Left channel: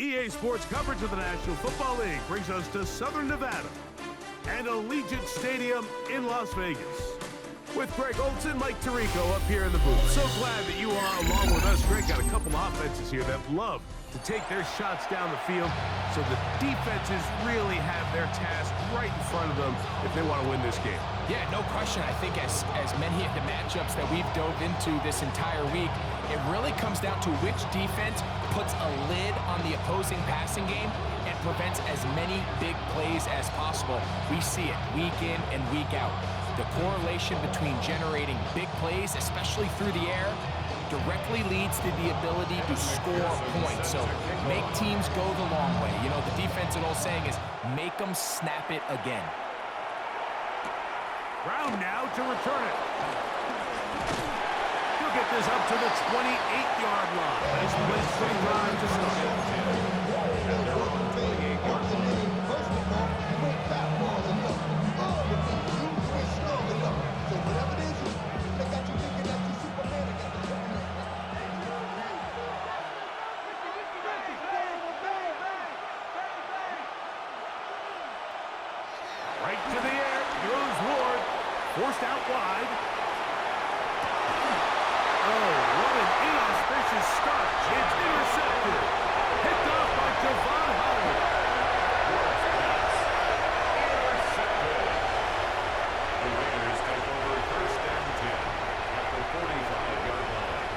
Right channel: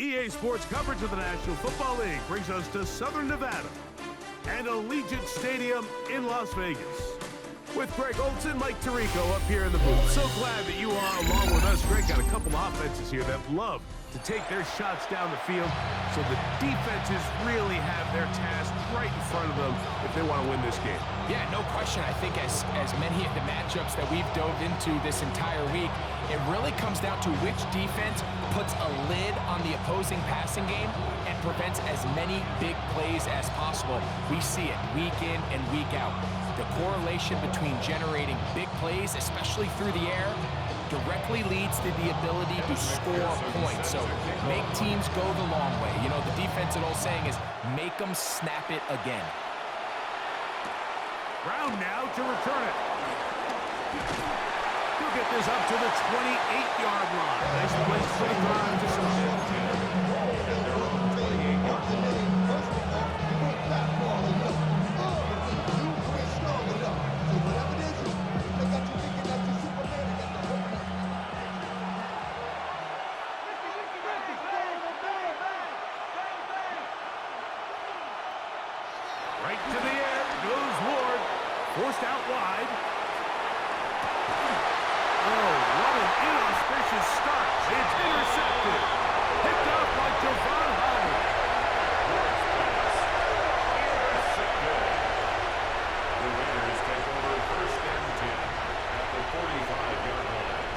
EA Sports coverage of the National Football League brings us to Southern Nevada and Allegiant Stadium in Las Vegas. With Greg Olson, Mike Tirico up here in the booth. So glad that you are along with us. Greg got a couple of offenses here that love to take their shots down the field, so the defenses really have their task right in front of them if they want to win this game. Yeah, no question. I think as many of the matchups that we've dove into this entire week, it really comes down to which defense puts a lid on the opposing passing game and prevents as many big plays as possible. We see it week in and week out. The correlation between generating big plays, especially through the air, directly leads to the ability to score points. So make teams go the long way. You know, the defensive old saying is, make them snap it again. Brown now to return it. He'll get this up to the 28-yard line. Nice place for the drive to start. And they're on the 28-yard line. First of all, you went fastball enough. You went strong enough. So whatever it is, they got you thinking that you Superman and got the coconut. Right to the air goes Ward. Forced out wide. Oh, what an inauspicious start. It's intercepted. Picked off by Javon Holland. Ward's pass. Intercepted. The Raiders take over first and 10 at the 45-yard line.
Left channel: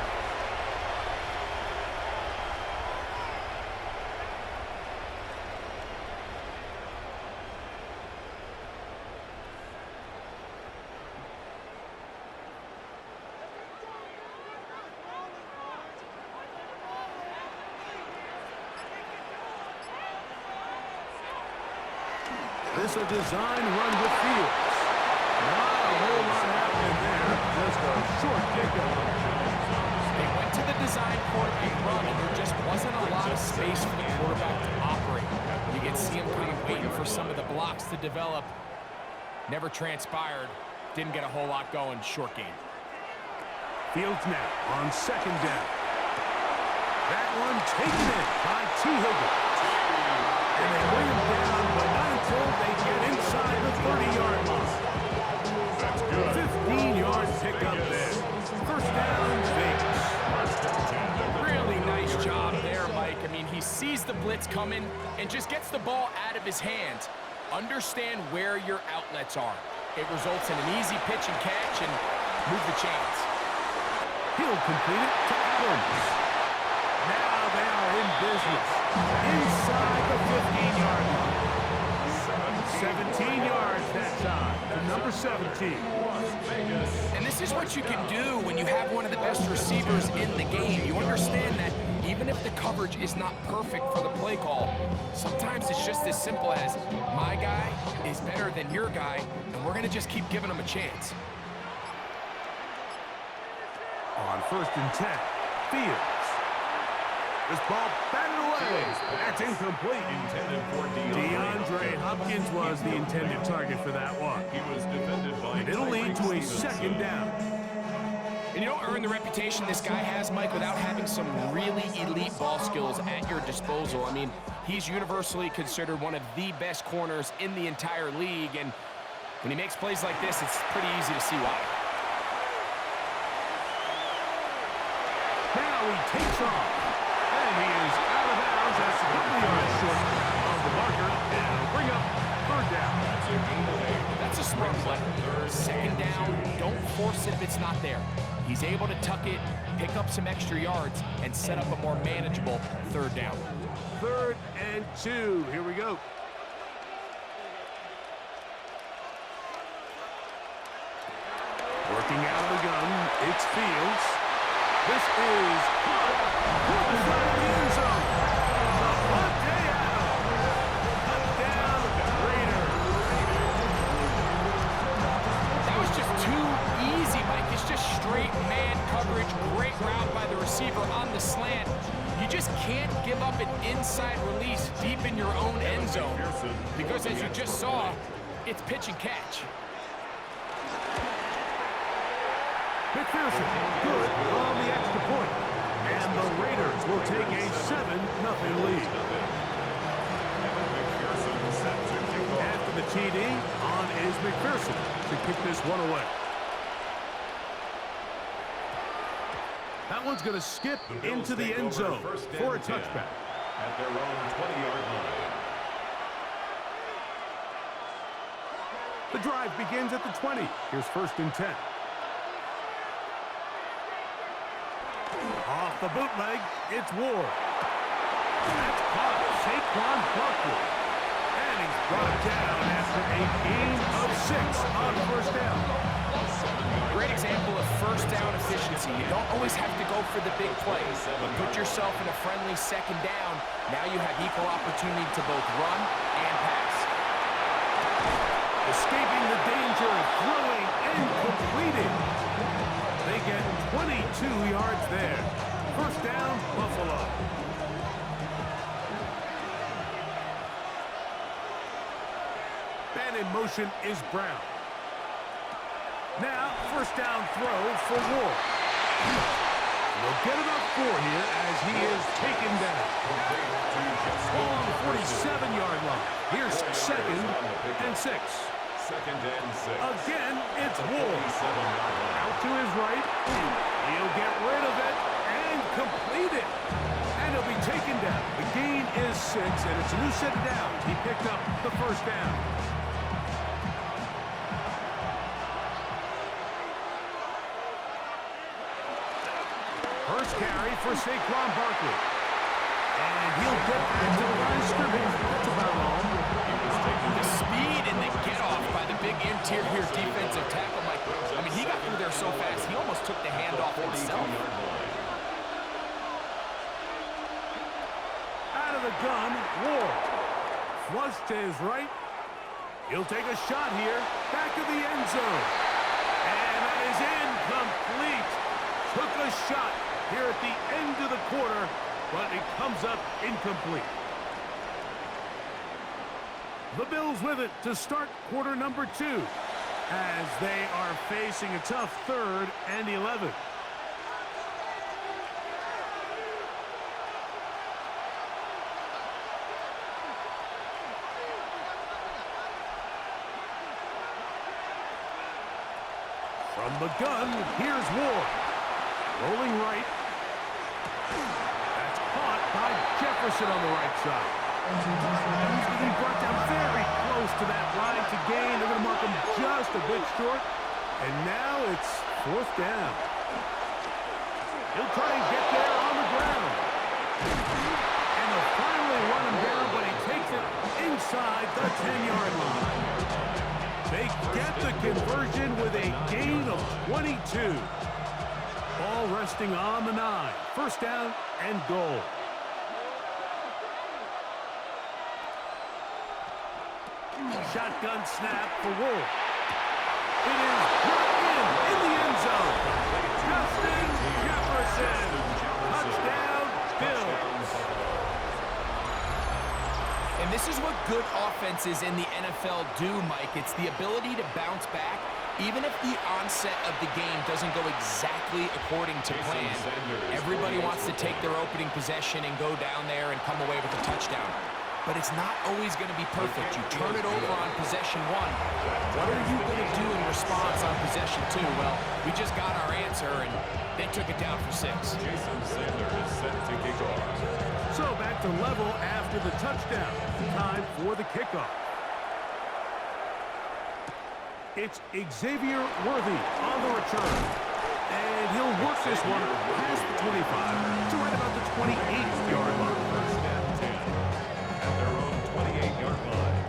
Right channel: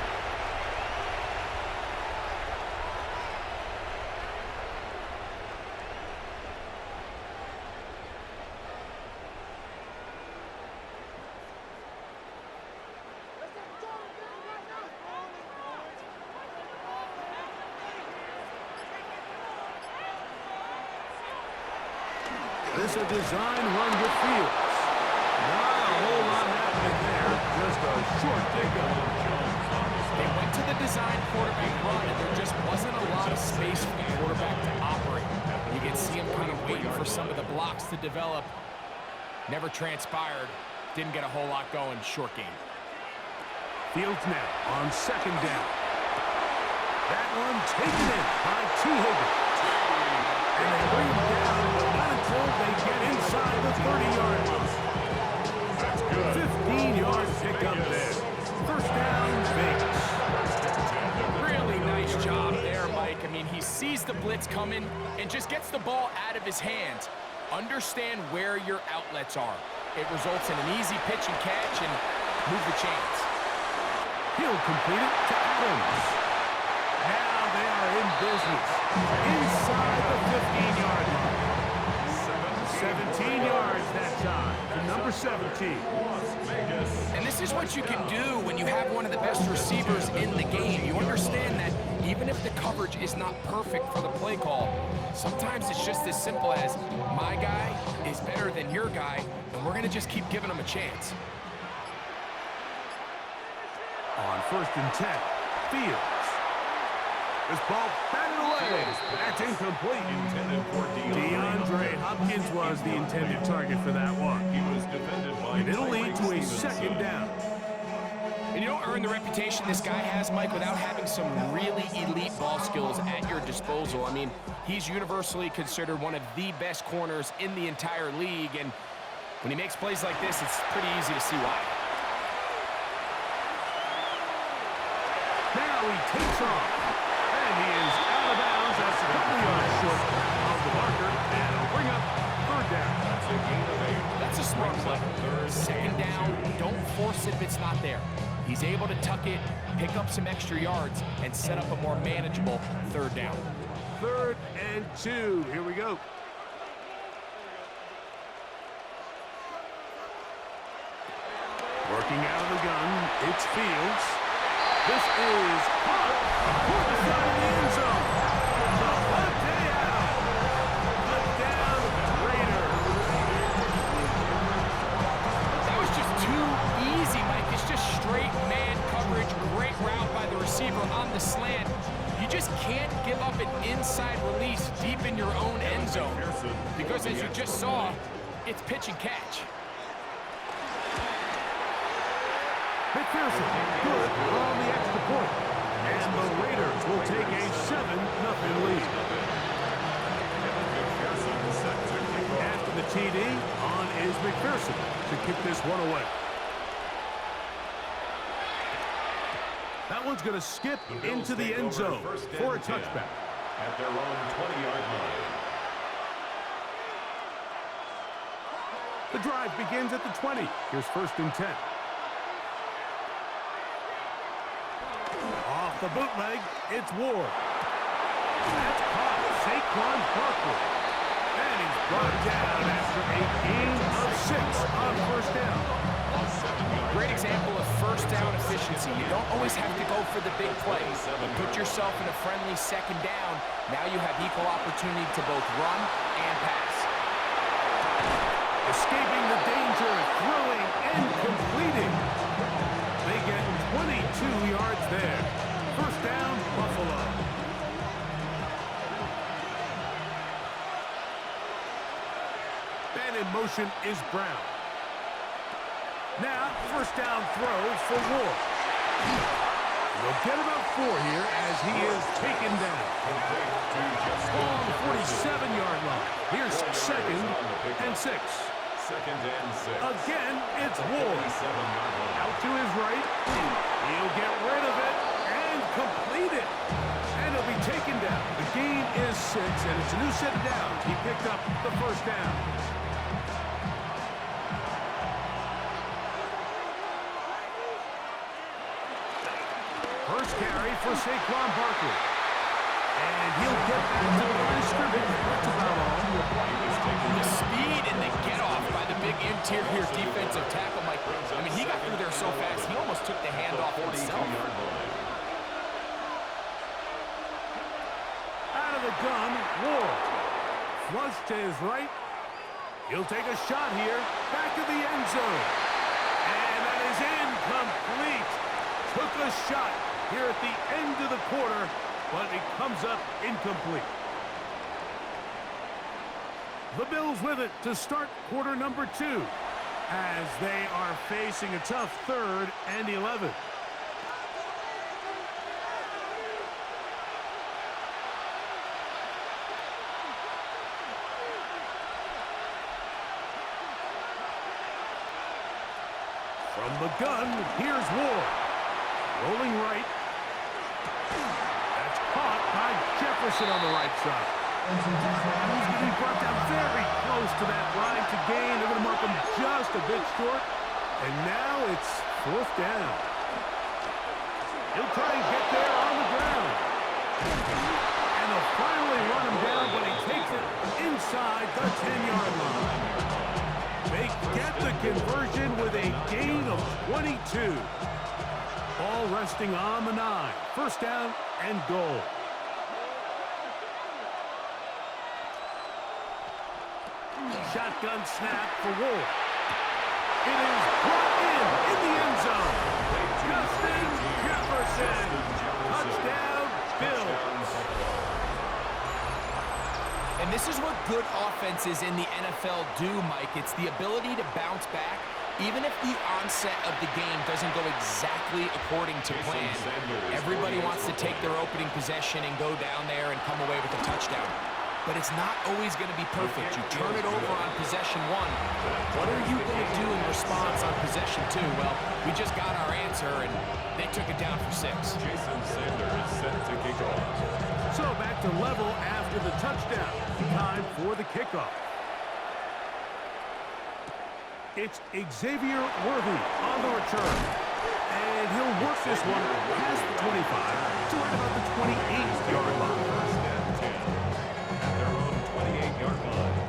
This a design run with Fields. Not a whole lot happening there. Just a short pickup. They went to the design quarterback run, and there just wasn't a lot of space for the quarterback to operate. You can see him kind of waiting for some of the blocks to develop. Never transpired. Didn't get a whole lot going. Short game. Fields now on second down. That one taken in by T. Higgins. And they bring him down, but not until they get inside the 30-yard line. That's good. 15-yard pickup there. First down, Vegas. Really nice job there, Mike. I mean, he sees the blitz coming and just gets the ball out of his hands. Understand where your outlets are. It results in an easy pitch and catch and move the chains. He'll complete it to Adams. Now they are in business. Inside the 15-yard line. 17 yards that time to number 17. And this is what you can do when you have one of the best receivers in the game. You understand that even if the coverage is not perfect for the play call, sometimes it's just as simple as, my guy is better than your guy, and we're going to just keep giving him a chance. On first and 10, Fields. This ball batted away. That's incomplete. Intended for DeAndre Hopkins was the intended target for that one. He was defended by And it'll lead to a second down. And you don't earn the reputation this guy has, Mike, without having some really elite ball skills at your disposal. I mean, he's universally considered one of the best corners in the entire league, and when he makes plays like this, it's pretty easy to see why. Now he takes off. And he is out of bounds. That's a couple yards short of the marker. And it'll bring up third down. That's a gain of 8. That's a smart play. Second down, don't force it if it's not there. He's able to tuck it, pick up some extra yards, and set up a more manageable third down. 3rd and 2. Here we go. Working out of the gun, it's Fields. This is caught toward the side of the end zone. Davante Adams. Touchdown, Raiders. That was just too easy, Mike. It's just straight man coverage. Great route by the receiver on the slant. You just can't give up an inside release deep in your own end zone, because as you just saw, it's pitch and catch. McPherson, good on the extra point. And the Raiders will take a 7-0 lead. Evan McPherson set to kick off. After the TD, on is McPherson to kick this one away. That one's going to skip into the end zone for a touchback. At their own 20-yard line. The drive begins at the 20. Here's 1st and 10. Off the bootleg, it's Ward. That's caught. Saquon Barkley. And he's brought down after a gain of 6 on 1st down. Great example of 1st down efficiency. You don't always have to go for the big plays. You put yourself in a friendly 2nd down. Now you have equal opportunity to both run and pass. Escaping the danger, throwing and completing. They get 22 yards there. 1st down, Buffalo. And in motion is Brown. Now, 1st down throw for Ward. They'll get about 4 here as he is taken down. Ball on the 47-yard line. Here's 2nd and 6. 2nd and 6. Again, it's Ward. 47-yard line. Out to his right. He'll get rid of it and complete it. And he'll be taken down. The gain is 6, and it's a new set of downs. He picked up the 1st down. First carry for Saquon Barkley. And he'll get back to the line of scrimmage. That's about all. The speed and the get-off by the big interior defensive tackle, Mike. I mean, he got through there so fast, he almost took the handoff himself. Out of the gun, Ward. Flush to his right. He'll take a shot here. Back of the end zone. And that is incomplete. Took a shot here at the end of the quarter, but it comes up incomplete. The Bills with it to start quarter number 2 as they are facing a tough 3rd and 11. From the gun, here's Ward. Rolling right. That's caught by Jefferson on the right side. He's going to be brought down very close to that line to gain. They're going to mark him just a bit short. And now it's 4th down. He'll try and get there on the ground. And they'll finally run him down, but he takes it inside the 10-yard line. They get the conversion with a gain of 22. Ball resting on the 9. 1st down and goal. Shotgun snap for Wolf. It is brought in the end zone. Justin Jefferson. Touchdown, Bills. And this is what good offenses in the NFL do, Mike. It's the ability to bounce back, even if the onset of the game doesn't go exactly according to plan. Everybody wants to take their opening possession and go down there and come away with a touchdown. But it's not always going to be perfect. You turn it over on possession 1. What are you going to do in response on possession 2? Well, we just got our answer, and they took it down for 6. Jason Sanders set to kick off. So back to level after the touchdown. Time for the kickoff. It's Xavier Worthy on the return. And he'll work this one past the 25 to right about the 28-yard line. 1st and 10 at their own 28-yard line.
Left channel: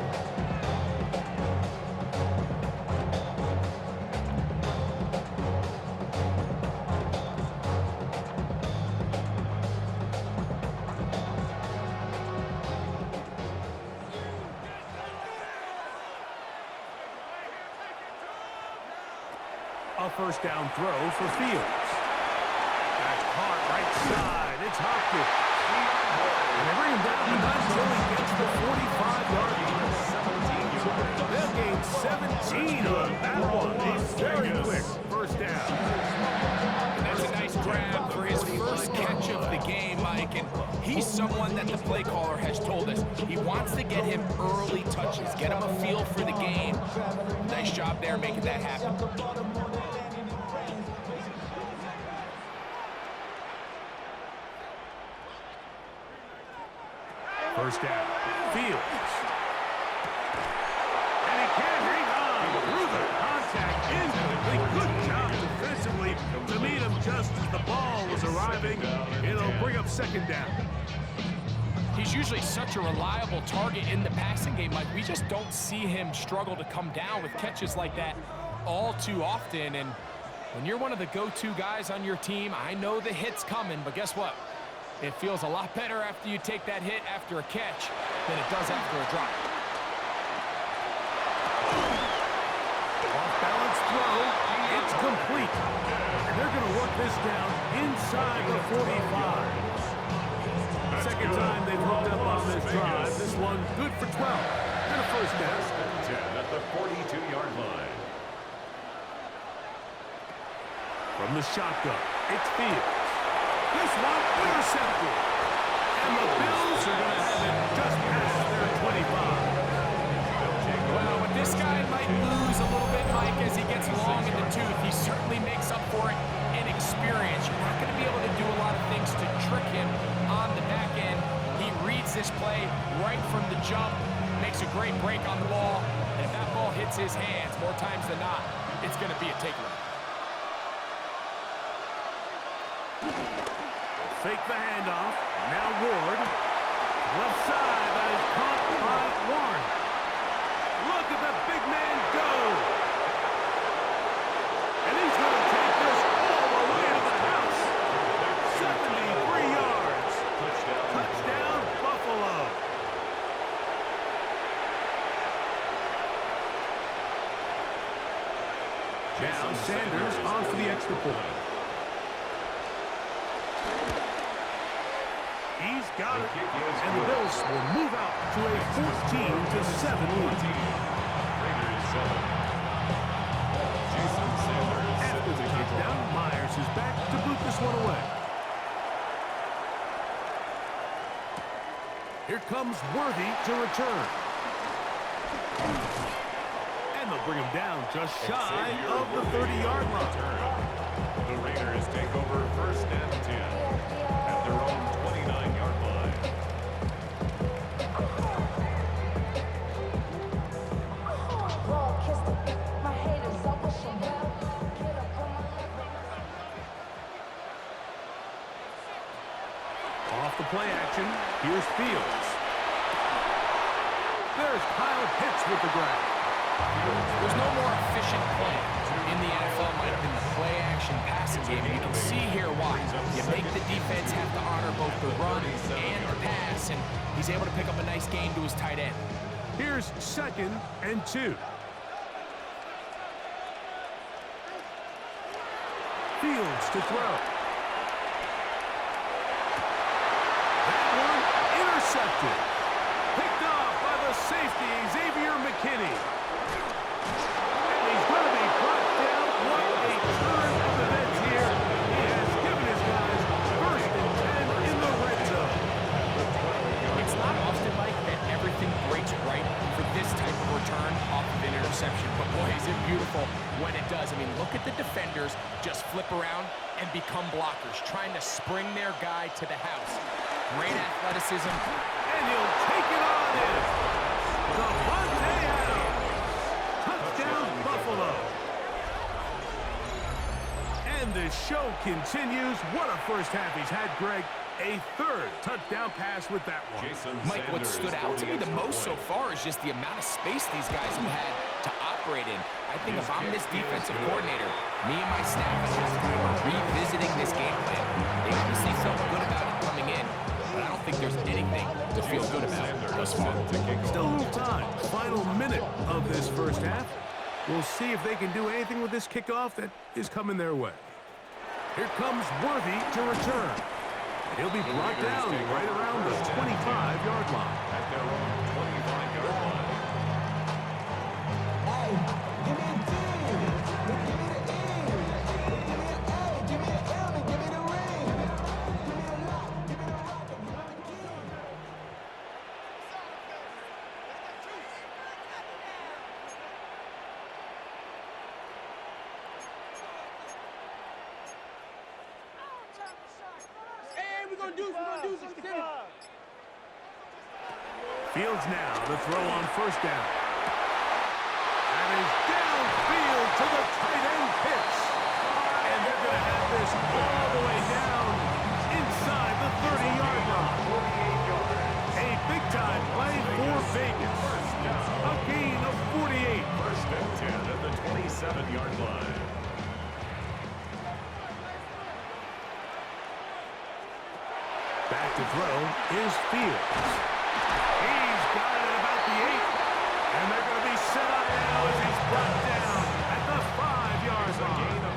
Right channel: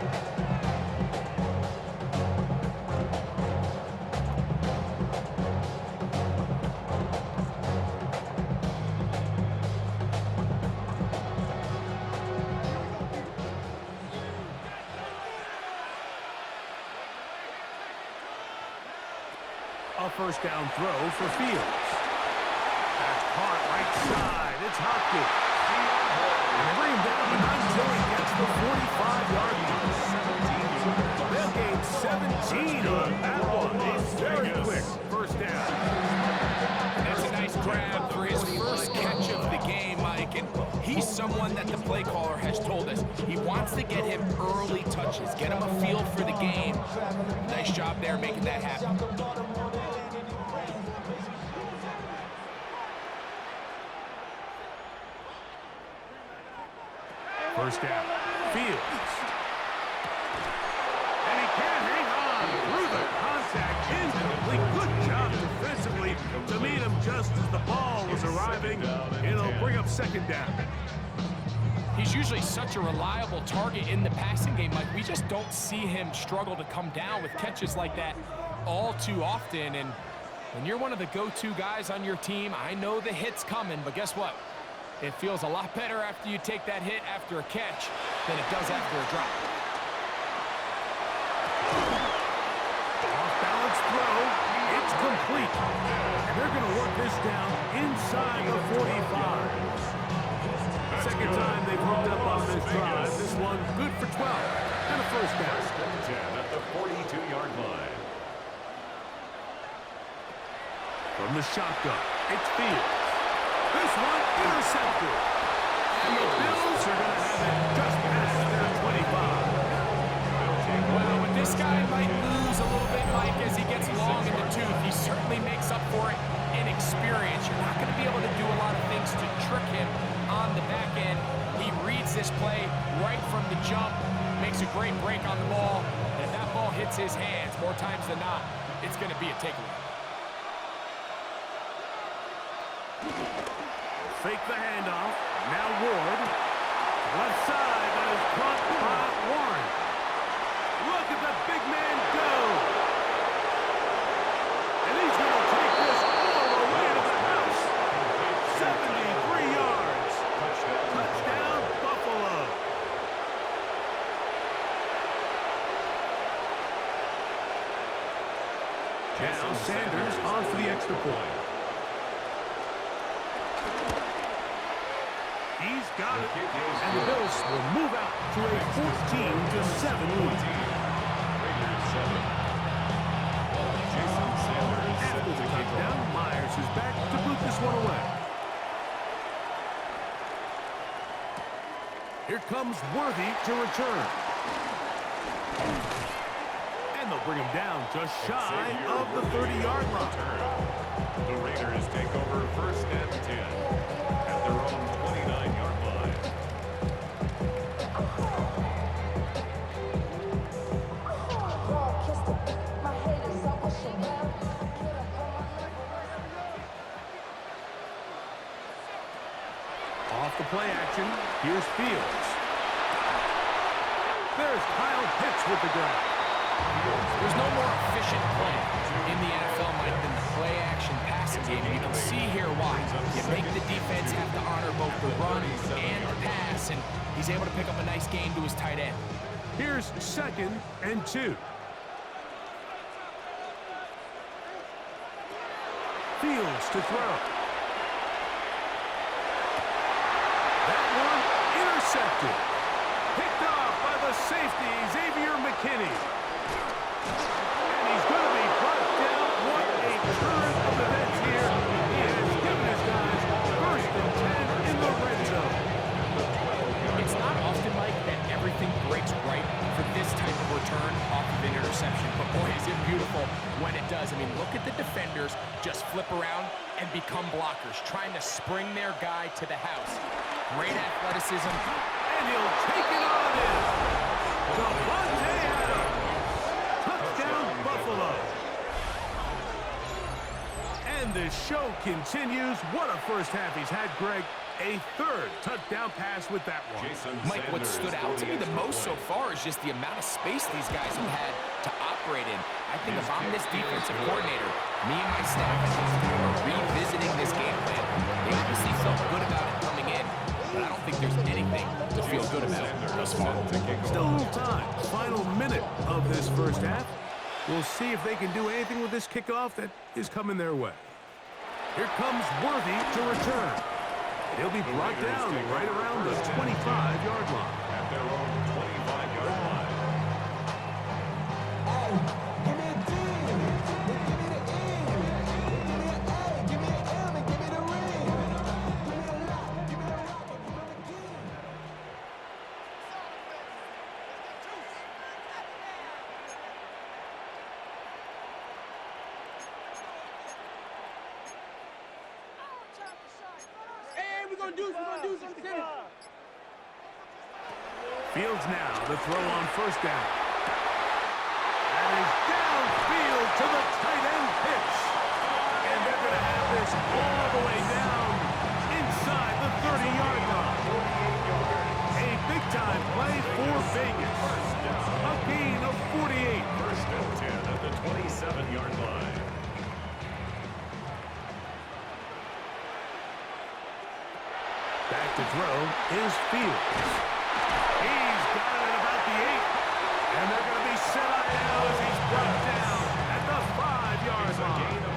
A 1st down throw for Fields. That's caught right side. It's Hopkins. And they bring him down, but not until he gets the 45-yard line. They'll gain 17 on that one. He's very quick. 1st down. And that's a nice grab for his first catch someone that the play caller has told us he wants to get him early touches, get him a feel for the game. Nice job there making that happen. First down, Fields. And he can't hang on through the contact. Incomplete. Good job defensively to meet him just as the ball was arriving. It'll bring up second down. He's usually such a reliable target in the passing game, Mike. We just don't see him struggle to come down with catches like that all too often. And when you're one of the go-to guys on your team, I know the hit's coming, but guess what? It feels a lot better after you take that hit after a catch than it does after a drop. Off-balance throw. It's complete. And they're going to work this down inside the 45. Second time they've hooked up on this drive. This one good for 12 and a first down. 10 at the 42-yard line. From the shotgun, it's Fields. This one intercepted. And the Bills are going to have it just past their 25. Well, when this guy might lose a little bit, Mike, as he gets long in the tooth, he certainly makes up for it in experience. You're not going to be able to do a lot of things to trick him on the back end. He reads this play right from the jump, makes a great break on the ball, and if that ball hits his hands more times than not, it's going to be a takeaway. Fake the handoff. Now Ward. Left side, that is caught by Warren. Look at the big man go. And he's going to take this all the way to the house. 73 yards. Touchdown, Buffalo. Now Sanders on for the extra point. He's got it, and the Bills will move out to a 14-7 lead. Raiders 7. Jason Sanders After the touchdown, Myers is back to boot this one away. Here comes Worthy to return. And they'll bring him down just shy of the 30-yard line. The Raiders take over first and 10 at their own 29-yard line. Off the play action, here's Fields. There's Kyle Pitts with the grab. There's no more efficient play in the NFL, Mike, than the play-action passing game. And you can see here why. You make the defense have to honor both the run and the pass, and he's able to pick up a nice gain to his tight end. Here's 2nd and 2. Fields to throw. That one intercepted. Picked off by the safety, Xavier McKinney. And he's going to be brought down. What a turn of events here. He has given his guys 1st and 10 in the red zone. It's not often, Mike, that everything breaks right for this type of return off of an interception. But boy, is it beautiful when it does. I mean, look at the defenders just flip around and become blockers, trying to spring their guy to the house. Great athleticism. And he'll take it on in. Davante Adams. Touchdown, Buffalo. And the show continues. What a first half he's had, Greg. A 3rd touchdown pass with that one. Mike, what stood out to me the most so far is just the amount of space these guys have had to operate in. I think if I'm this defensive coordinator, me and my staff at halftime are revisiting this game plan. They obviously felt good about it coming in, but I don't think there's anything to feel good about thus far. Still a little time. Final minute of this first half. We'll see if they can do anything with this kickoff that is coming their way. Here comes Worthy to return. And he'll be brought down right around the 25-yard line. At their own 25-yard line. Hey, give me a D. Give me the E. Give me an A. Give me an M. And give me the ring. Give me a lock. Give me the rock. And give me the key. Fields now to throw on first down. That is downfield to the tight end pitch. And they're going to have this all the way down inside the 30-yard line. 48 yards. A big-time play for Vegas. A gain of 48. First and 10 at the 27-yard line. Back to throw is Fields. He's got it at about the 8. And they're going to be set up now as he's brought down at the 5-yard A line. gain of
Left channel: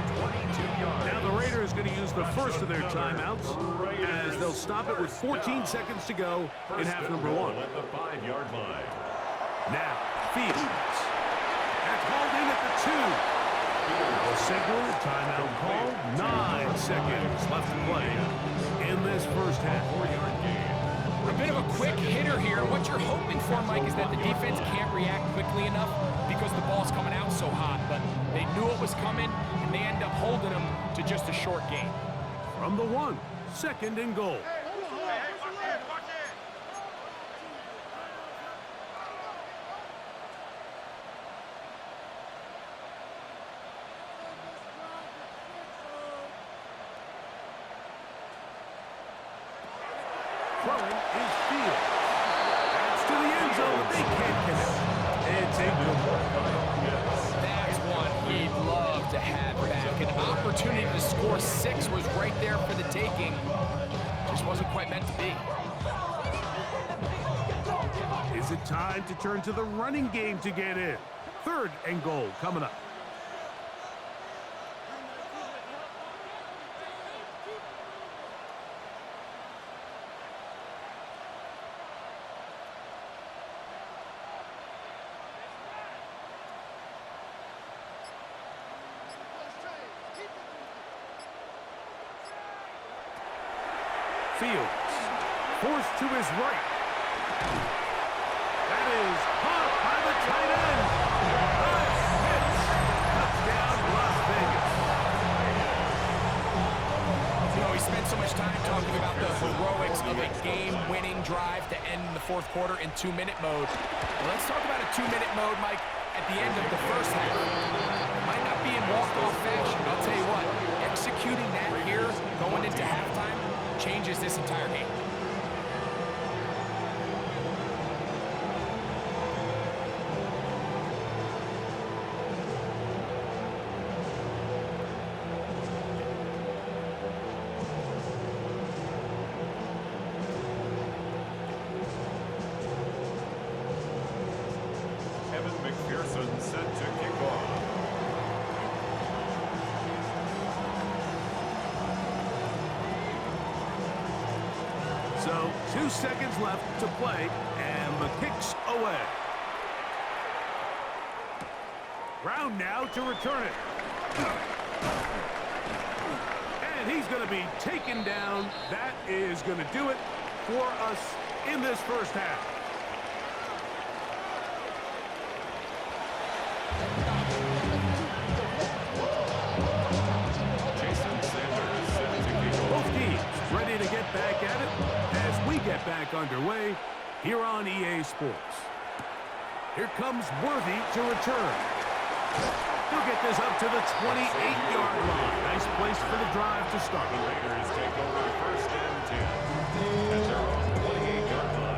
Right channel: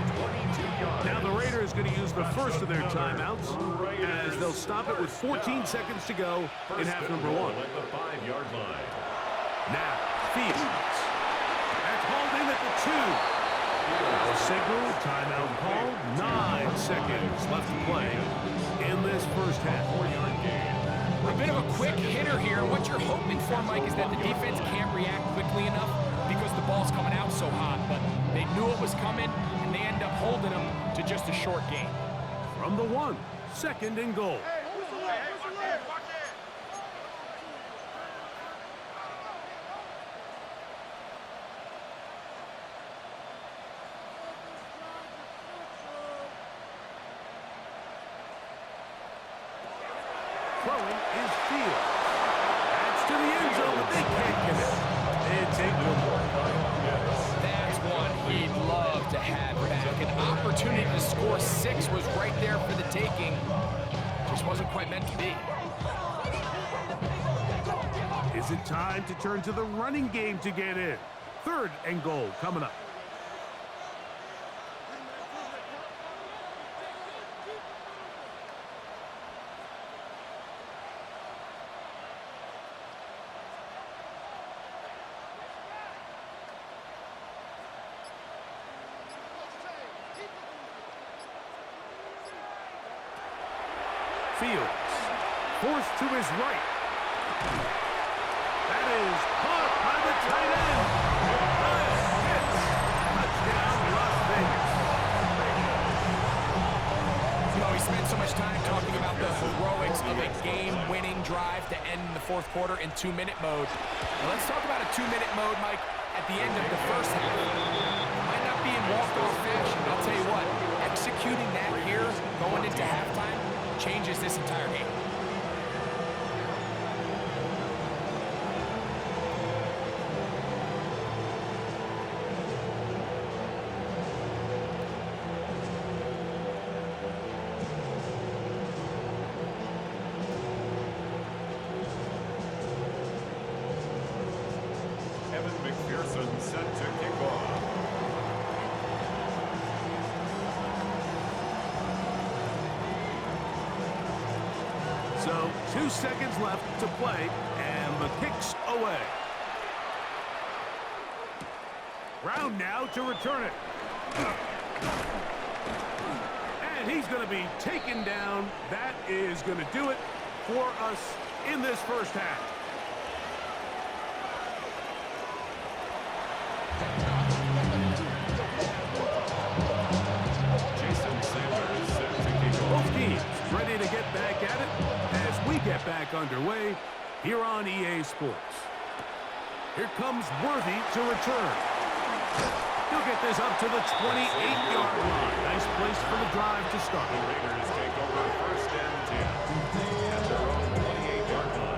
22 yards. Now the Raiders going to use the first of their timeouts as they'll stop it with 14 seconds to go in half number 1. At the 5-yard line. Now, Fields. That's hauled in at the 2. Now a signal, timeout call, 9 seconds left to play in this first half. 4-yard gain. A bit of a quick hitter here. What you're hoping for, Mike, is that the defense can't react quickly enough because the ball's coming out so hot. But they knew it was coming, and they end up holding them to just a short gain. From the 1, second and goal. Throwing is Fields. That's to the end zone, but they can't connect. It's incomplete. That's one he'd love to have back. An opportunity to score 6 was right there for the taking. Just wasn't quite meant to be. Is it time to turn to the running game to get in? Third and goal coming up. Fields, forced to his right. That is caught by the tight end. Nice hits. Touchdown, Las Vegas. You know, we spent so much time talking about the heroics of a game-winning drive to end the fourth quarter in 2-minute mode. Well, let's talk about a 2-minute mode, Mike, at the end of the first half. It might not be in walk-off fashion, but I'll tell you what, executing that here, going into halftime, changes this entire game. Evan McPherson set to kick off. So 2 seconds left to play, and the kick's away. Brown now to return it. And he's going to be taken down. That is going to do it for us in this first half. Jason Sanders set to kick off. Both teams ready to get back at it as we get back underway here on EA Sports. Here comes Worthy to return. He'll get this up to the 28-yard line. Nice place for the drive to start. The Raiders take over first and 10 at their own 28-yard line.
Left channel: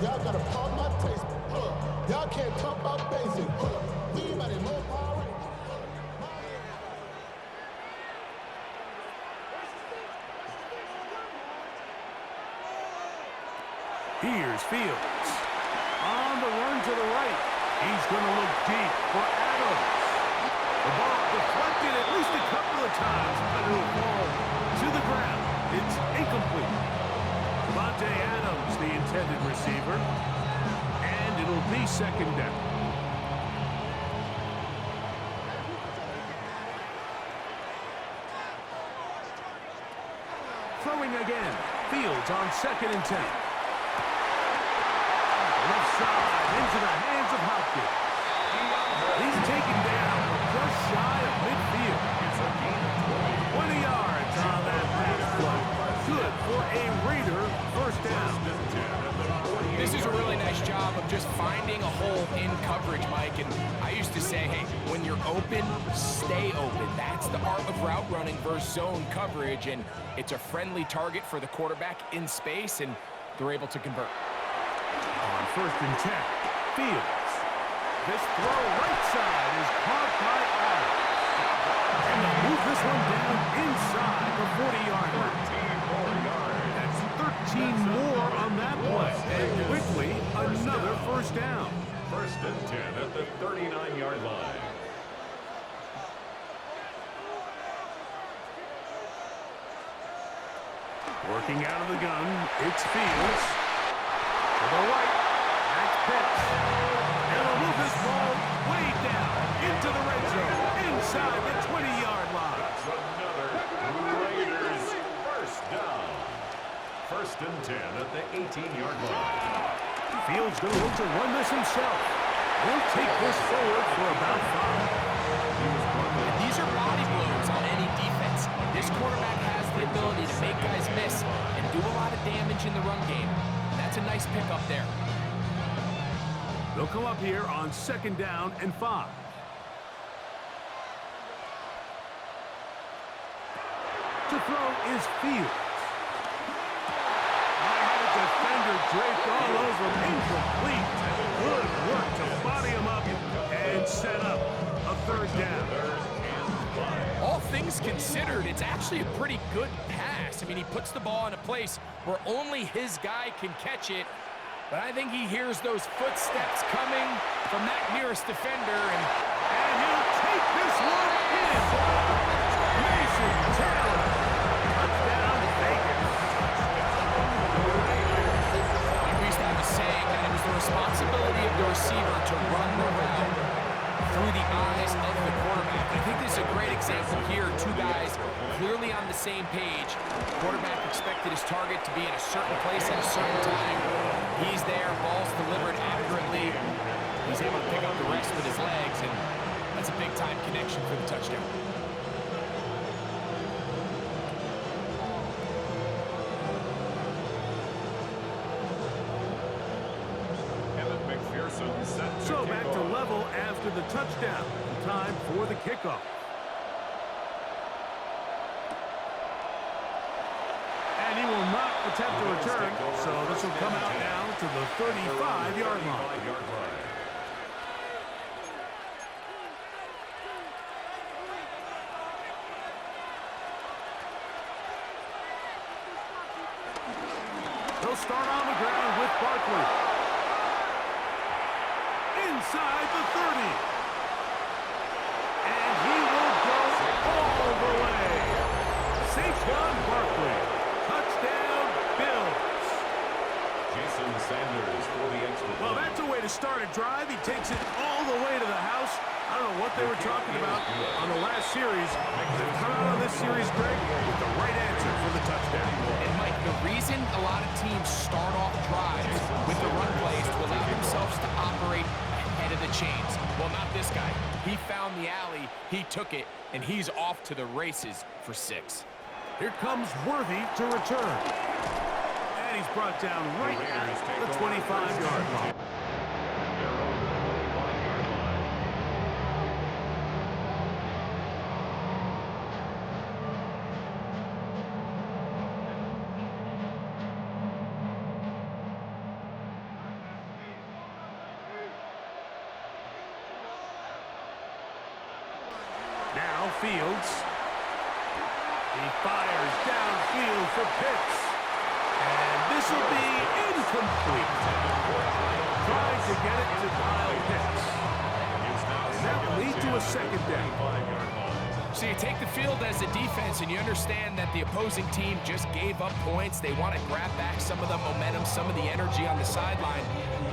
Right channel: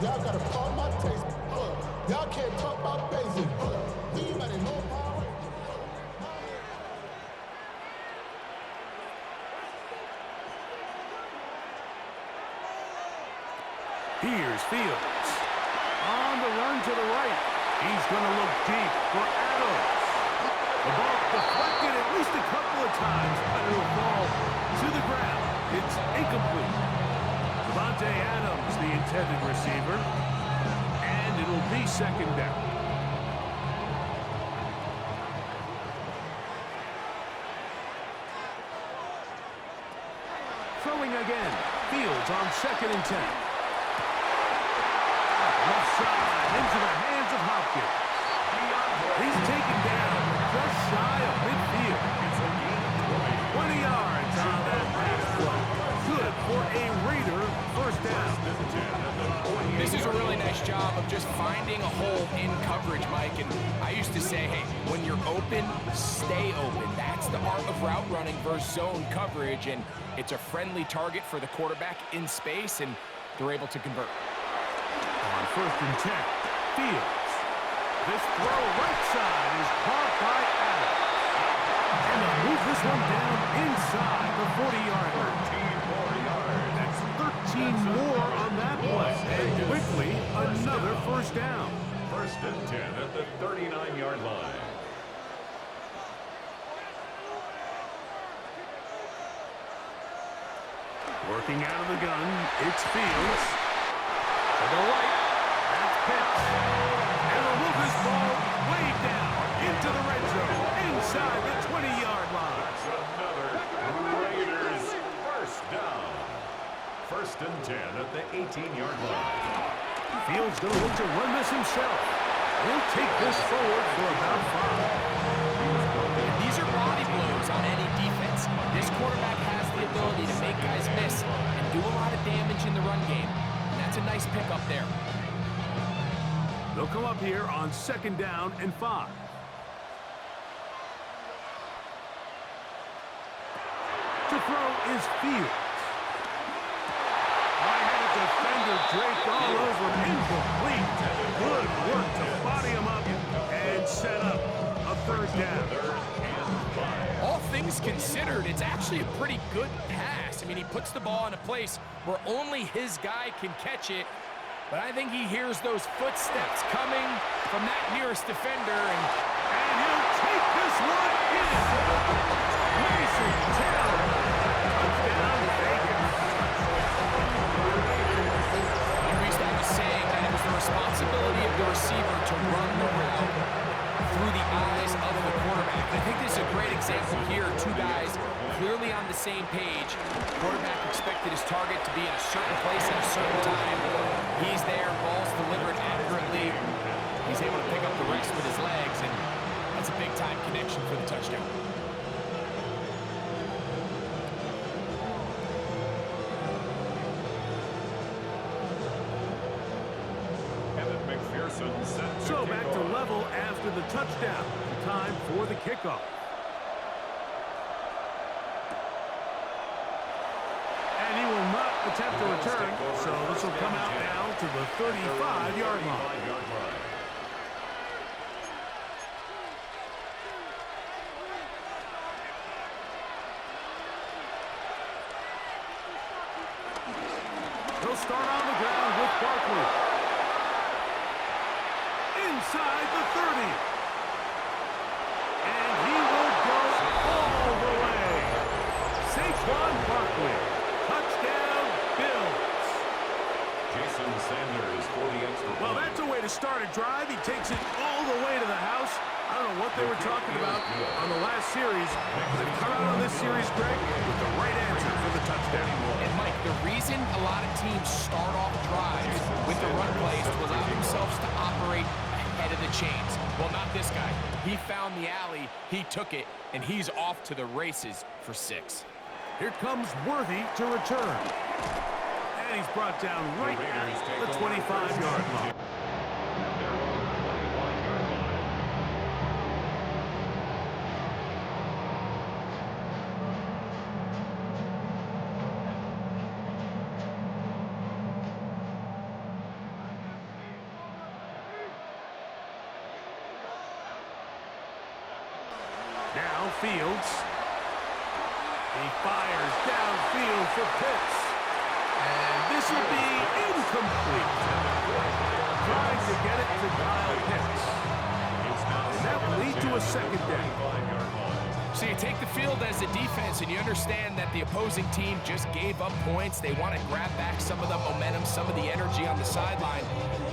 Y'all gotta pump my taste. Y'all can't talk about basic. We ain't about more power. Here's Fields. On the run to the right. He's going to look deep for Adams. The ball deflected at least a couple of times, but it'll fall to the ground. It's incomplete. Devontae Adams, the intended receiver. And it'll be second down. Throwing again. Fields on 2nd and 10. Left side into the hands of Hopkins. He's taken down just shy of midfield. It's a gain of 20 yards on that pass play. Good for a Raider first down. This is a really nice job of just finding a hole in coverage, Mike. And I used to say, hey, when you're open, stay open. That's the art of route running versus zone coverage. And it's a friendly target for the quarterback in space, and they're able to convert. On 1st and 10, Fields. This throw right side is caught by Adams. And they'll move this one down inside the 40-yard line. 13 more yards. That's 13 more on that play. And quickly, another first down. 1st and 10 at the 39-yard line. Working out of the gun, it's Fields. To the right, that's Pitts. And they'll move this ball way down into the red zone, inside the 20-yard line. That's another Raiders first down. 1st and 10 at the 18-yard line. Fields going to look to run this himself. He'll take this forward for about 5. And these are body blows on any defense. This quarterback has the ability to make guys miss and do a lot of damage in the run game. And that's a nice pickup there. They'll come up here on 2nd down and 5. To throw is Fields. I had a defender draped all over him. Incomplete. Good work to body him up and set up a 3rd down. All things considered, it's actually a pretty good pass. I mean, he puts the ball in a place where only his guy can catch it. But I think he hears those footsteps coming from that nearest defender, and he'll take this one in. Mason Taylor. Touchdown, Vegas. we used to have a saying that it was the responsibility of the receiver to run the route through the eyes of the quarterback. I think this is a great example here. Two guys clearly on the same page. Quarterback expected his target to be in a certain place at a certain time. He's there, ball's delivered accurately. He's able to pick up the rest with his legs, and that's a big-time connection for the touchdown. So back to level after the touchdown. Time for the kickoff. And he will not attempt a return, so this will come out now to the 35-yard line. They'll start on the ground with Barkley. Inside the 30. And he will go all the way. Saquon Barkley. Touchdown, Bills. Jason Sanders for the extra point. Well, that's a way to start a drive. He takes it all the way to the house. I don't know what they were talking about on the last series. They've come out on this series, Greg, with the right answer for the touchdown. And, Mike, the reason a lot of teams start off drives with the run plays to allow themselves to operate ahead of the chains. Well, not this guy. He found the alley, he took it, and he's off to the races for 6. Here comes Worthy to return. And he's brought down right at the 25-yard line. Now Fields. He fires downfield for Pitts. And this will be incomplete. Trying to get it to Kyle Pitts. And that will lead to a 2nd down. So you take the field as a defense and you understand that the opposing team just gave up points. They want to grab back some of the momentum, some of the energy on the sideline.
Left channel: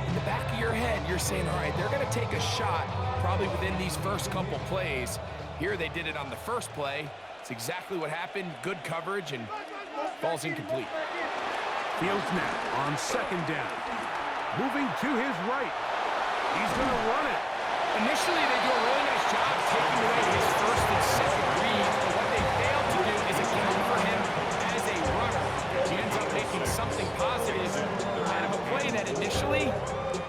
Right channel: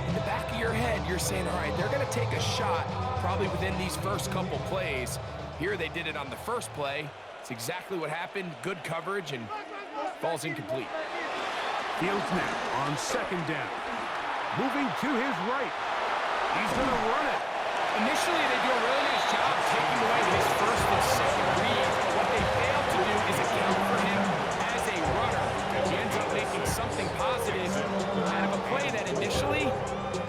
In the back of your head, you're saying, all right, they're going to take a shot probably within these first couple plays. Here they did it on the first play. It's exactly what happened. Good coverage and falls incomplete. Fields now on second down. Moving to his right. He's going to run it. Initially, they do a really nice job taking away his first and second reads, but what they fail to do is account for him as a runner. He ends up making something positive out of a play that initially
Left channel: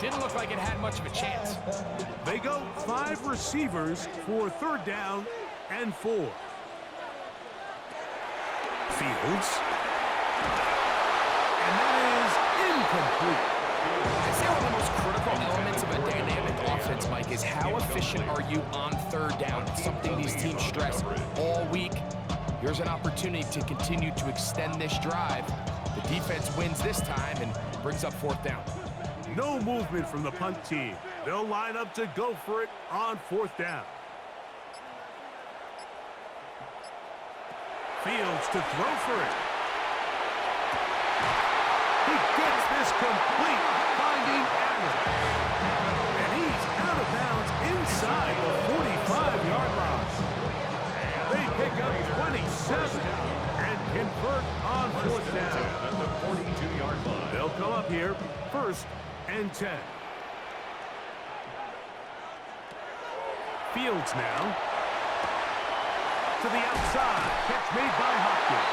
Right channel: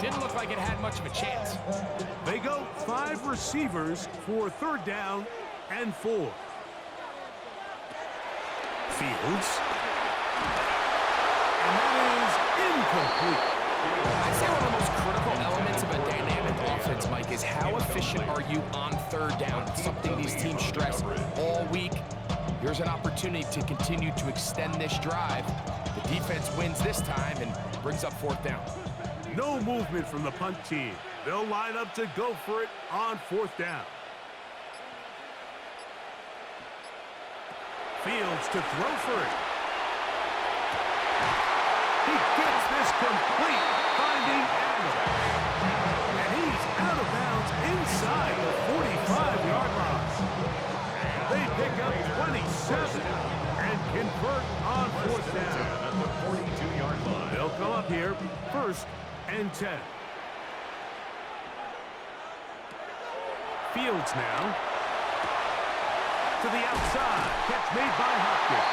didn't look like it had much of a chance. They go 5 receivers for third down and 4. Fields. And that is incomplete. I'd say one of the most critical elements of a dynamic offense, Mike, is how efficient are you on third down? It's something these teams stress all week. Here's an opportunity to continue to extend this drive. The defense wins this time and brings up fourth down. No movement from the punt team. They'll line up to go for it on fourth down. Fields to throw for it. He gets this complete, finding Adams. And he's out of bounds inside the 45-yard line. They pick up 27 and convert on fourth down. At the 42-yard line. They'll come up here, first and 10. Fields now. To the outside. Catch made by Hopkins.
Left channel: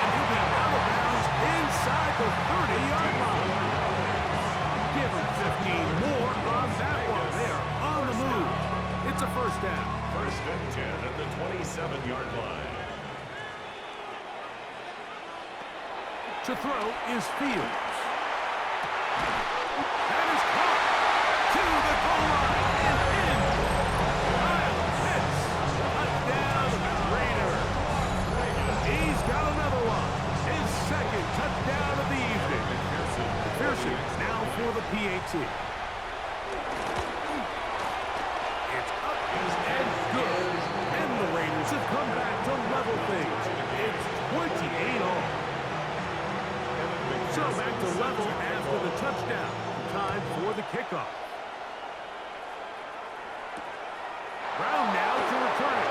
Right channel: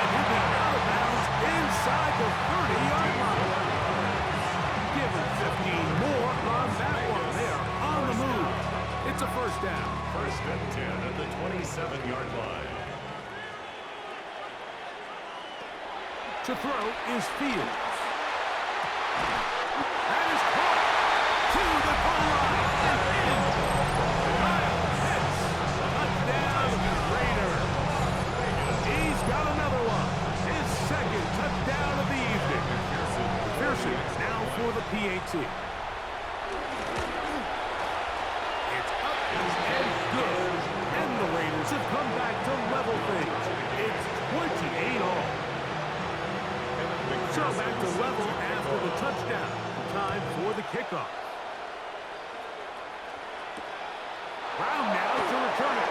And he'll be out of bounds inside the 30-yard line. Give him 15 more on that one. They are on the move. It's a first down. First and 10 at the 27-yard line. To throw is Fields. That is caught to the goal line and in. Kyle Pitts, touchdown Raiders. He's got another one. His second touchdown of the evening. McPherson now for the PAT. It's up and good. And the Raiders have come back to level things. It's 28 all. So back to level after the touchdown. Time for the kickoff. Brown now to return it.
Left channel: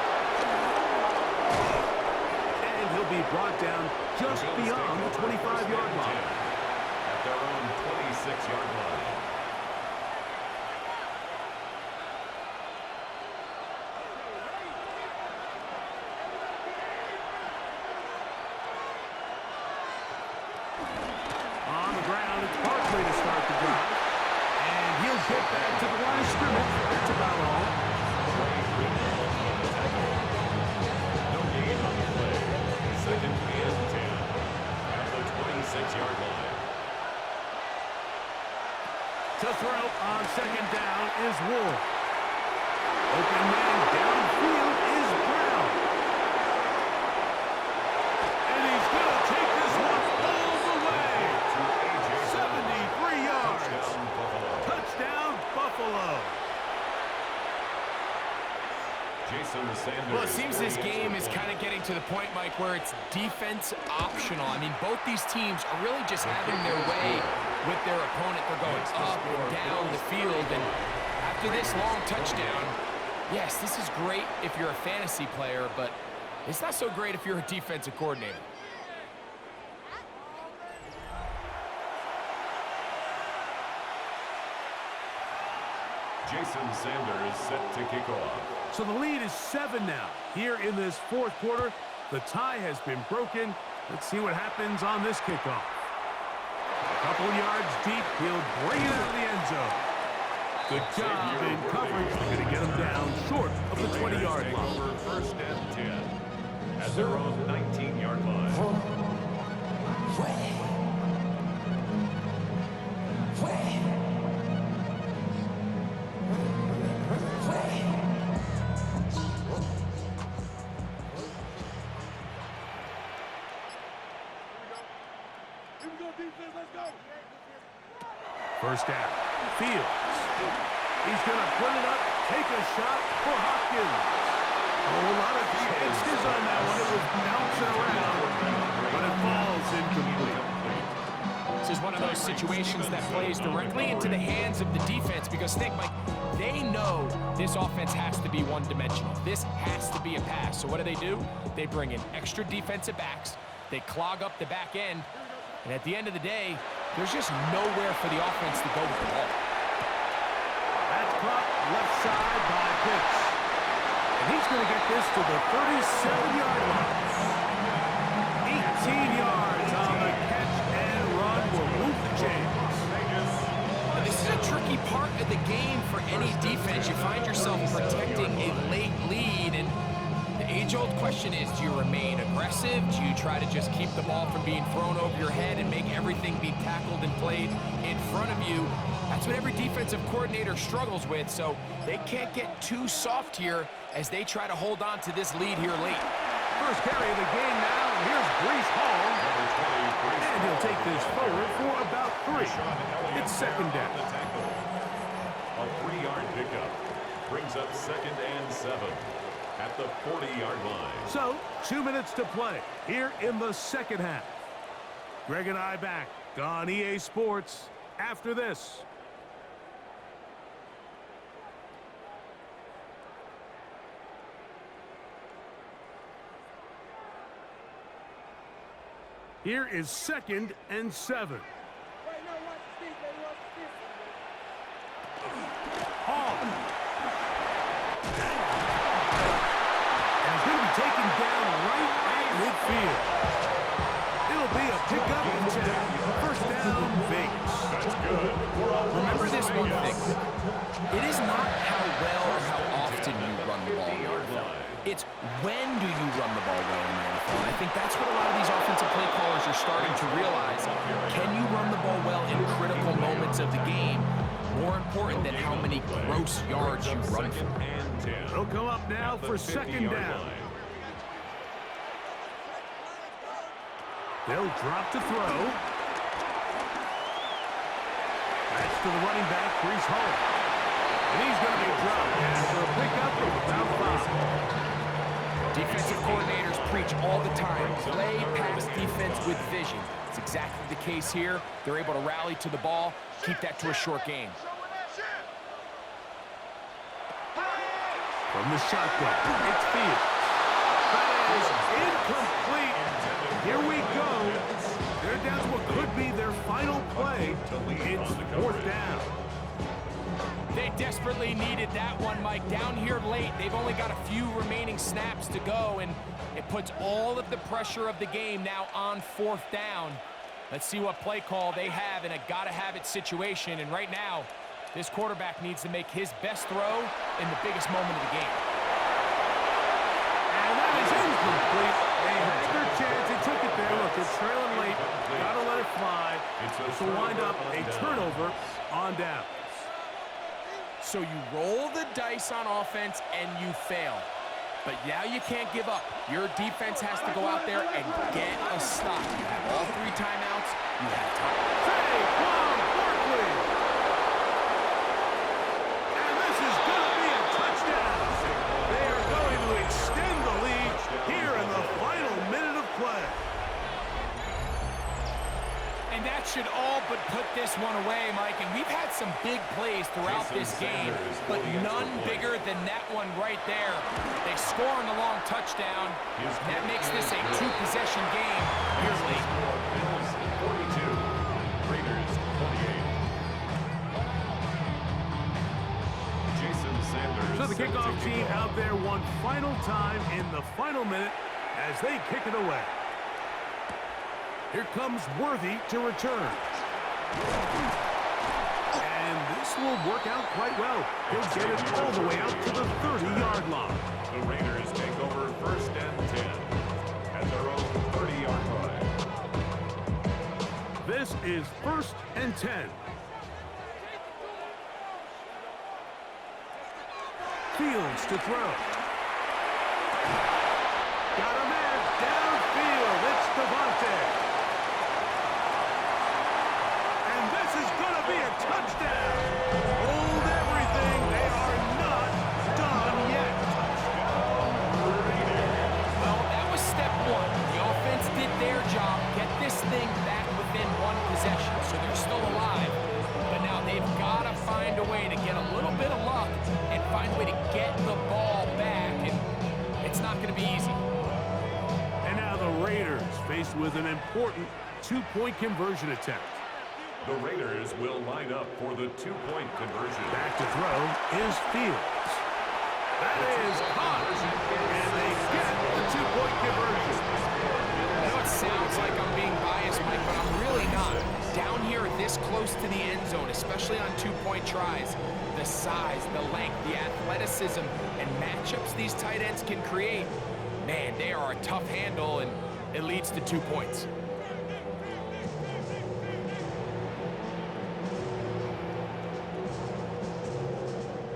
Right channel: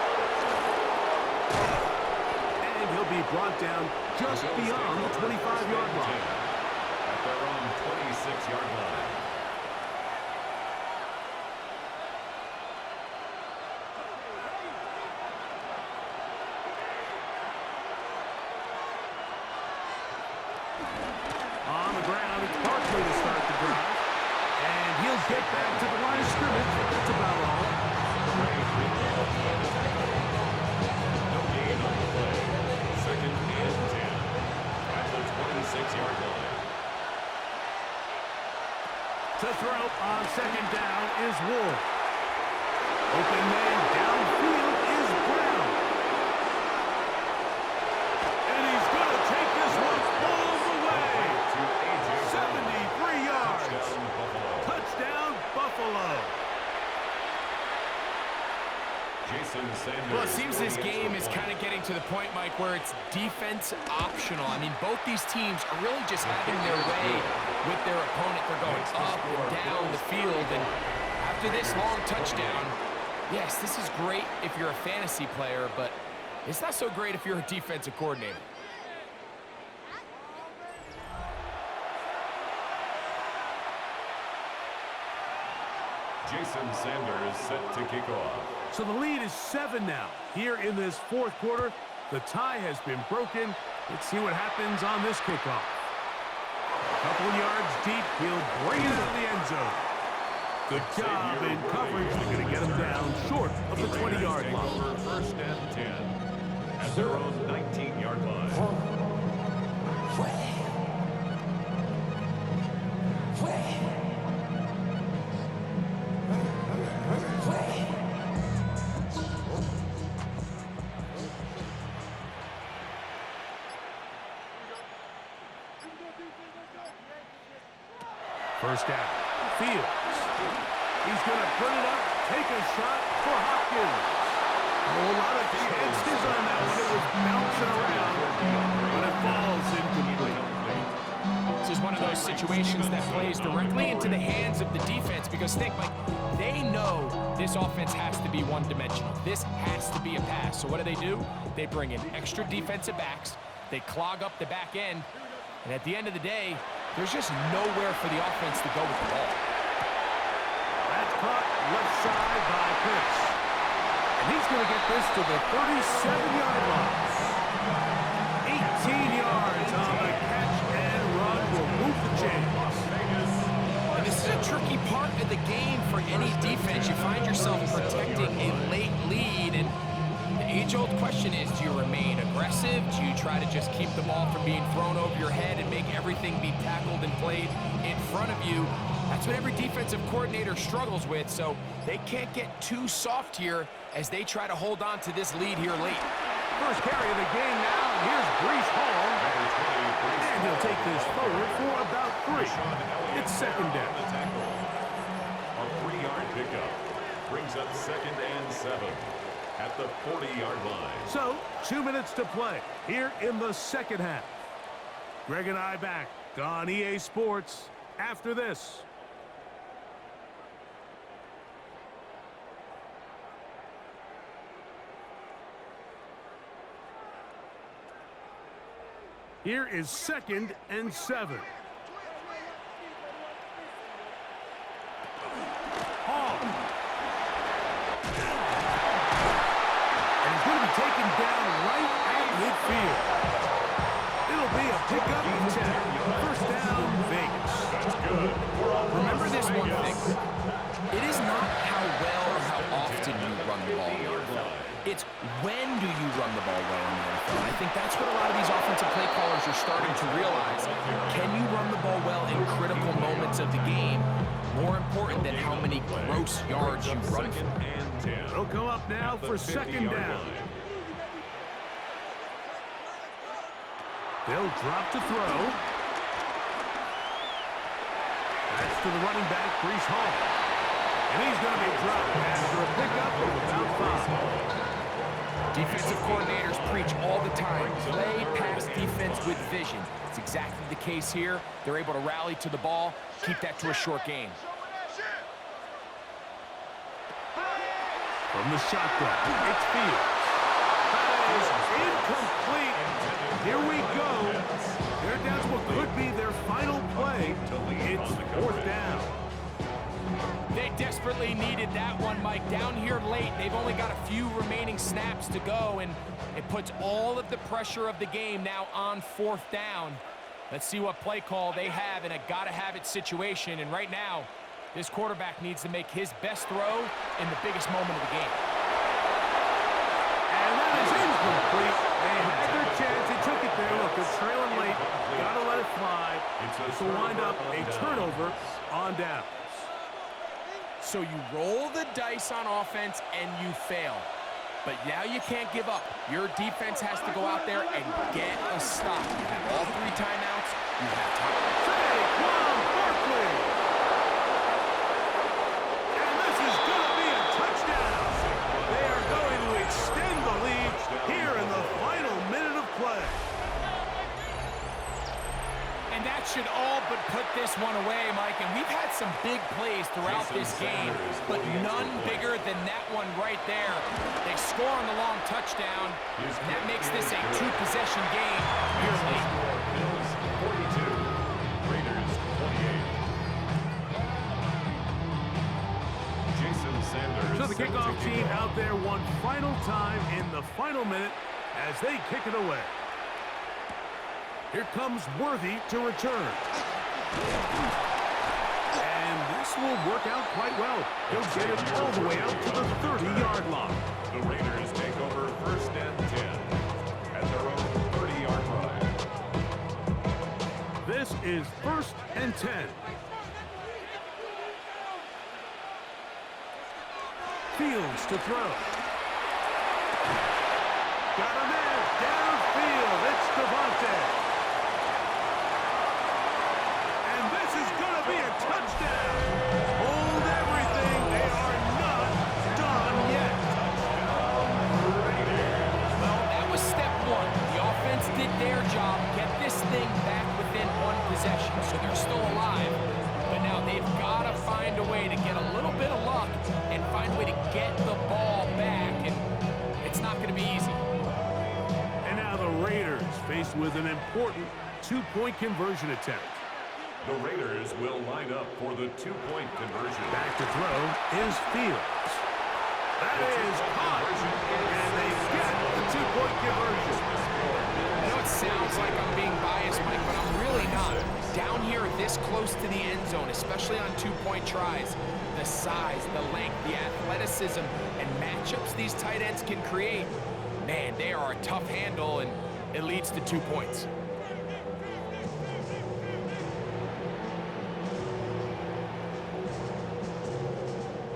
And he'll be brought down just beyond the 25-yard line. At their own 26-yard line. On the ground, it's Barkley to start the drive. And he'll get back to the line of scrimmage. That's about all. No gain on the play. Second and 10 at the 26-yard line. To throw on second down is Wolf. Open man downfield is Brown. And he's going to take this one all the way. 73 yards. Touchdown, Buffalo. Jason Sanders. Well, it seems this game is kind of getting to the point, Mike, where it's defense optional. I mean, both these teams are really just having their way with their opponent. They're going up and down the field. And after this long touchdown, yes, this is great if you're a fantasy player, but it's not so great if you're a defensive coordinator. Jason Sanders set to kick off. So the lead is 7 now. Here in this fourth quarter, the tie has been broken. Let's see what happens on this kickoff. A couple yards deep, he'll bring it out of the end zone. Good job in coverage. They're going to get him down short of the 20-yard line. Over first and 10 at their own 19-yard line. First down. Fields. He's going to put it up, take a shot for Hopkins. Oh, a lot of chances on that one. It was bouncing around, but it falls incomplete. This is one of those situations that plays directly into the hands of the defense because think, Mike, they know this offense has to be one-dimensional. This has to be a pass. So what do? They bring in extra defensive backs. They clog up the back end. And at the end of the day, there's just nowhere for the offense to go with the ball. That's caught left side by Pitts. And he's going to get this to the 37-yard line. 18 yards on the catch and run will move the chains. And this is a tricky part of the game for any defense. You find yourself protecting a late lead, and the age-old question is, do you remain aggressive? Do you try to just keep the ball from being thrown over your head and make everything be tackled and played in front of you? That's what every defensive coordinator struggles with, so they can't get too soft here as they try to hold on to this lead here late. First carry of the game now, and here's Breece Hall. And he'll take this forward for about 3. It's second down. A 3-yard pickup brings up 2nd and 7 at the 40-yard line. So, 2 minutes to play here in the second half. Greg and I back on EA Sports after this. Here is 2nd and 7. Hall. And he's going to be taken down right at midfield. It'll be a pickup of 10. First down, Vegas. That's good. Remember this one thing. It is not how well or how often you run the ball in the NFL. It's when do you run the ball well in the NFL. And I think that's what a lot of these offensive play callers are starting to realize. Can you run the ball well in critical moments of the game? More important than how many gross yards you run for. It'll come up now for second down. They'll drop to throw. That's to the running back, Breece Hall. And he's going to be dropped after a pickup of about 5. Defensive coordinators preach all the time, play pass defense with vision. It's exactly the case here. They're able to rally to the ball, keep that to a short game. From the shotgun, it's Fields. That is incomplete. Here we go. They're down to what could be their final play. It's 4th down. They desperately needed that one, Mike. Down here late, they've only got a few remaining snaps to go, and it puts all of the pressure of the game now on 4th down. Let's see what play call they have in a gotta-have-it situation, and right now, this quarterback needs to make his best throw in the biggest moment of the game. And that is incomplete. They had their chance. They took it there. Look, they're trailing late. Gotta let it fly. This will wind up a turnover on downs. So you roll the dice on offense and you fail. But now you can't give up. Your defense has to go out there and get a stop. You have all 3 timeouts. You have time. Saquon Barkley. And this is going to be a touchdown. They are going to extend the lead here in the final minute of play. And that should all but put this one away, Mike. And we've had some big plays throughout this game, but none bigger than that one right there. They score on the long touchdown, and that makes this a 2-possession game here late. Bills 42, Raiders 28. Jason Sanders. So the kickoff team out there one final time in the final minute as they kick it away. Here comes Worthy to return. And this will work out quite well. He'll get it all the way out to the 30-yard line. The Raiders take over 1st and 10 at their own 30-yard line. This is 1st and 10. Fields to throw. Got a man downfield. It's Devontae. And this is going to be a touchdown. Hold everything. They are not done yet. Well, that was step 1. The offense did their job, get this thing back within 1 possession, so they're still alive. But now they've got to find a way to get a little bit of luck and find a way to get the ball back, and it's not going to be easy. And now the Raiders faced with an important two-point conversion attempt. The Raiders will line up for the two-point conversion. Back to throw is Fields. That is caught, and they get the two-point conversion. I know it sounds like I'm being biased, Mike, but I'm really not. Down here this close to the end zone, especially on two-point tries, the size, the length, the athleticism, and matchups these tight ends can create, man, they are a tough handle, and it leads to 2 points.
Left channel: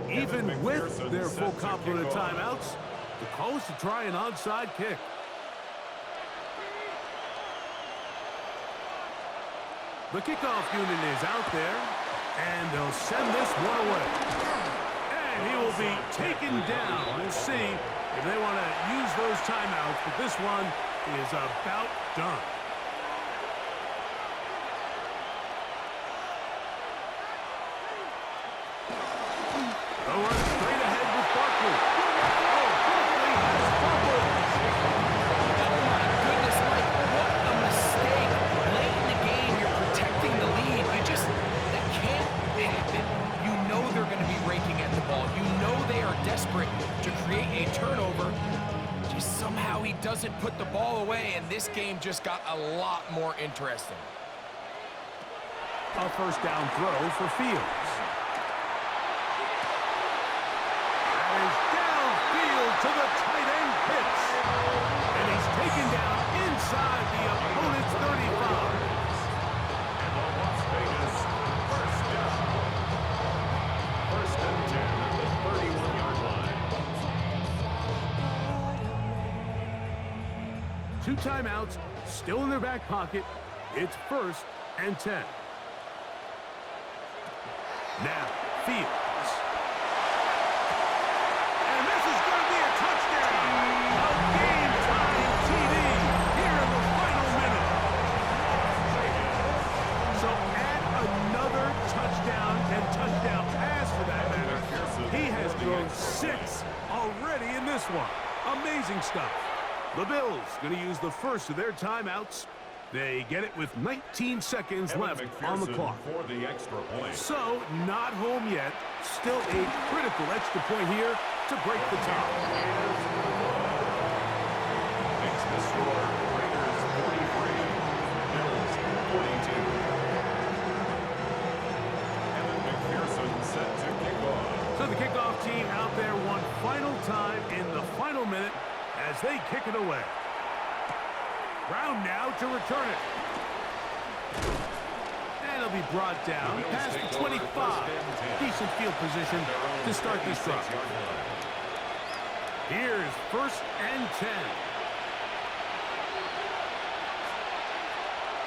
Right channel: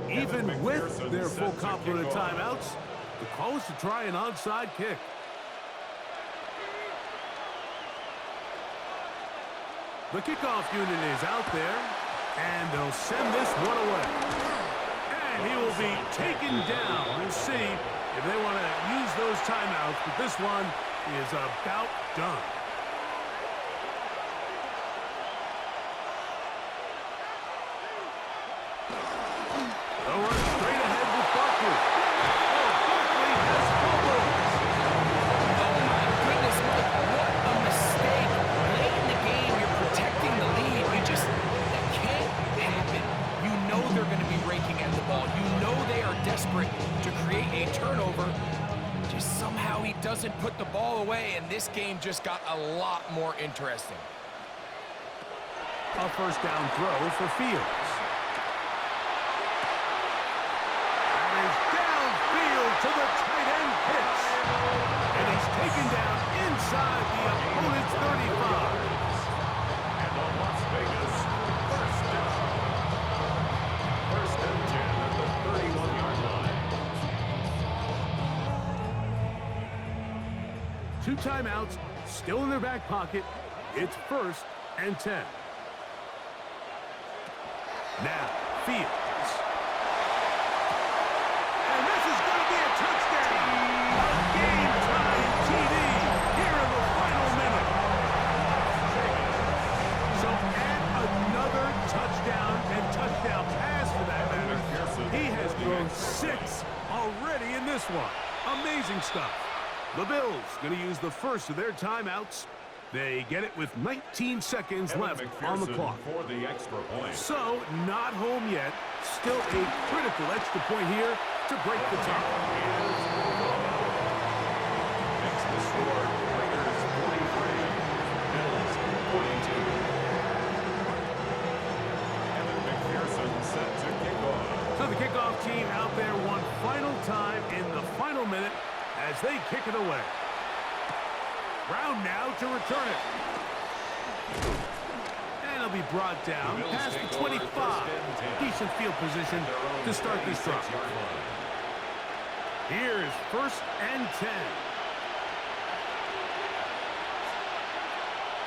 Even with their full complement of timeouts, the call is to try an onside kick. The kickoff unit is out there, and they'll send this one away. And he will be taken down. We'll see if they want to use those timeouts, but this one is about done. They'll run straight ahead with Barkley. Oh, Barkley has fumbled. Oh my goodness, Mike, what a mistake. Late in the game, you're protecting the lead. That can't happen. You know they're going to be raking at the ball. You know they are desperate to create a turnover. Just somehow he doesn't put the ball away, and this game just got a lot more interesting. A first down throw for Fields. Downfield to the tight end pitch. And he's taken down inside the opponent's 35. And the Las Vegas first down. First and 10 at the 31-yard line. 2 timeouts still in their back pocket. It's first and 10. Now, Fields. And this is going to be a touchdown. A game-time TD here in the final minute. So add another touchdown and touchdown pass for that matter. He has thrown 6 already in this one. Amazing stuff. The Bills going to use the first of their timeouts. They get it with 19 seconds left on the clock. For the extra point. So, not home yet. Still a critical extra point here to break the tie. Makes the score Raiders 43, Bills 42. Evan McPherson set to kick off. So the kickoff team out there one final time in the final minute as they kick it away. Brown now to return it. And it'll be brought down past the 25. Decent field position to start this drive. Here's first and 10.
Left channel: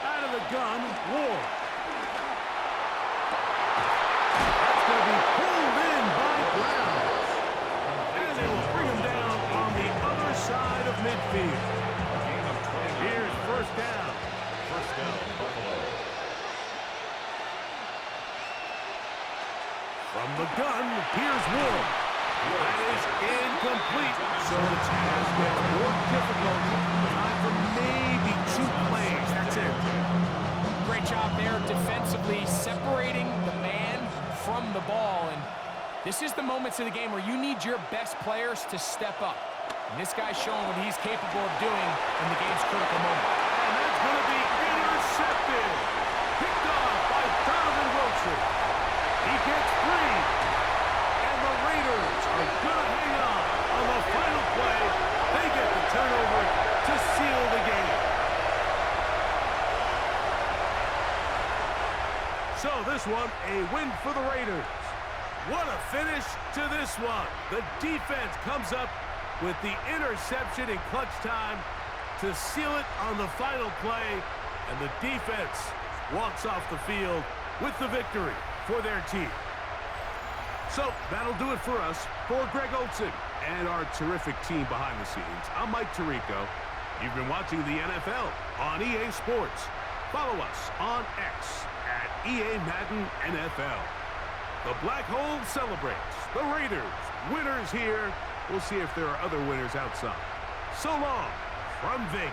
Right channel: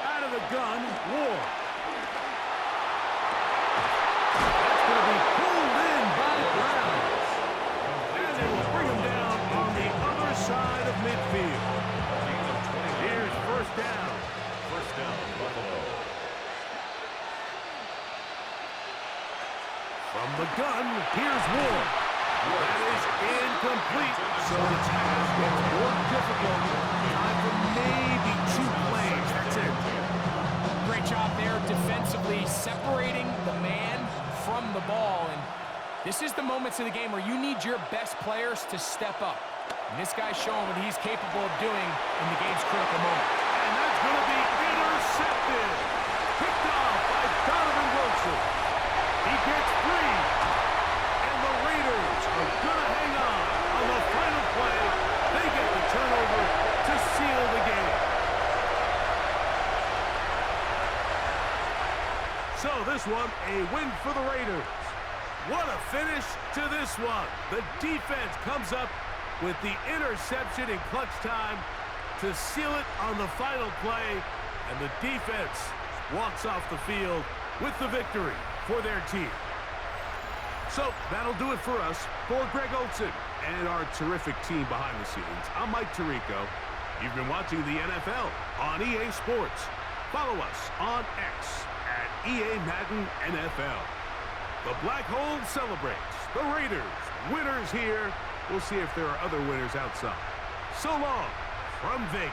Out of the gun, Ward. That's going to be pulled in by Brown. And they will bring him down on the other side of midfield. Here's first down. First down, Buffalo. From the gun, here's Ward. That is incomplete, so the task gets more difficult. Time for maybe 2 plays. That's it. Great job there defensively, separating the man from the ball. And this is the moments of the game where you need your best players to step up. And this guy's showing what he's capable of doing in the game's critical moment. And that's going to be intercepted. Picked off by Donovan Wilson. He gets free. And the Raiders are going to hang on the final play. They get the turnover to seal the game. So this one, a win for the Raiders. What a finish to this one. The defense comes up with the interception in clutch time to seal it on the final play, and the defense walks off the field with the victory for their team. So that'll do it for us. For Greg Olsen and our terrific team behind the scenes, I'm Mike Tirico. You've been watching the NFL on EA Sports. Follow us on X at EA Madden NFL. The Black Hole celebrates. The Raiders, winners here. We'll see if there are other winners outside. So long from Vegas.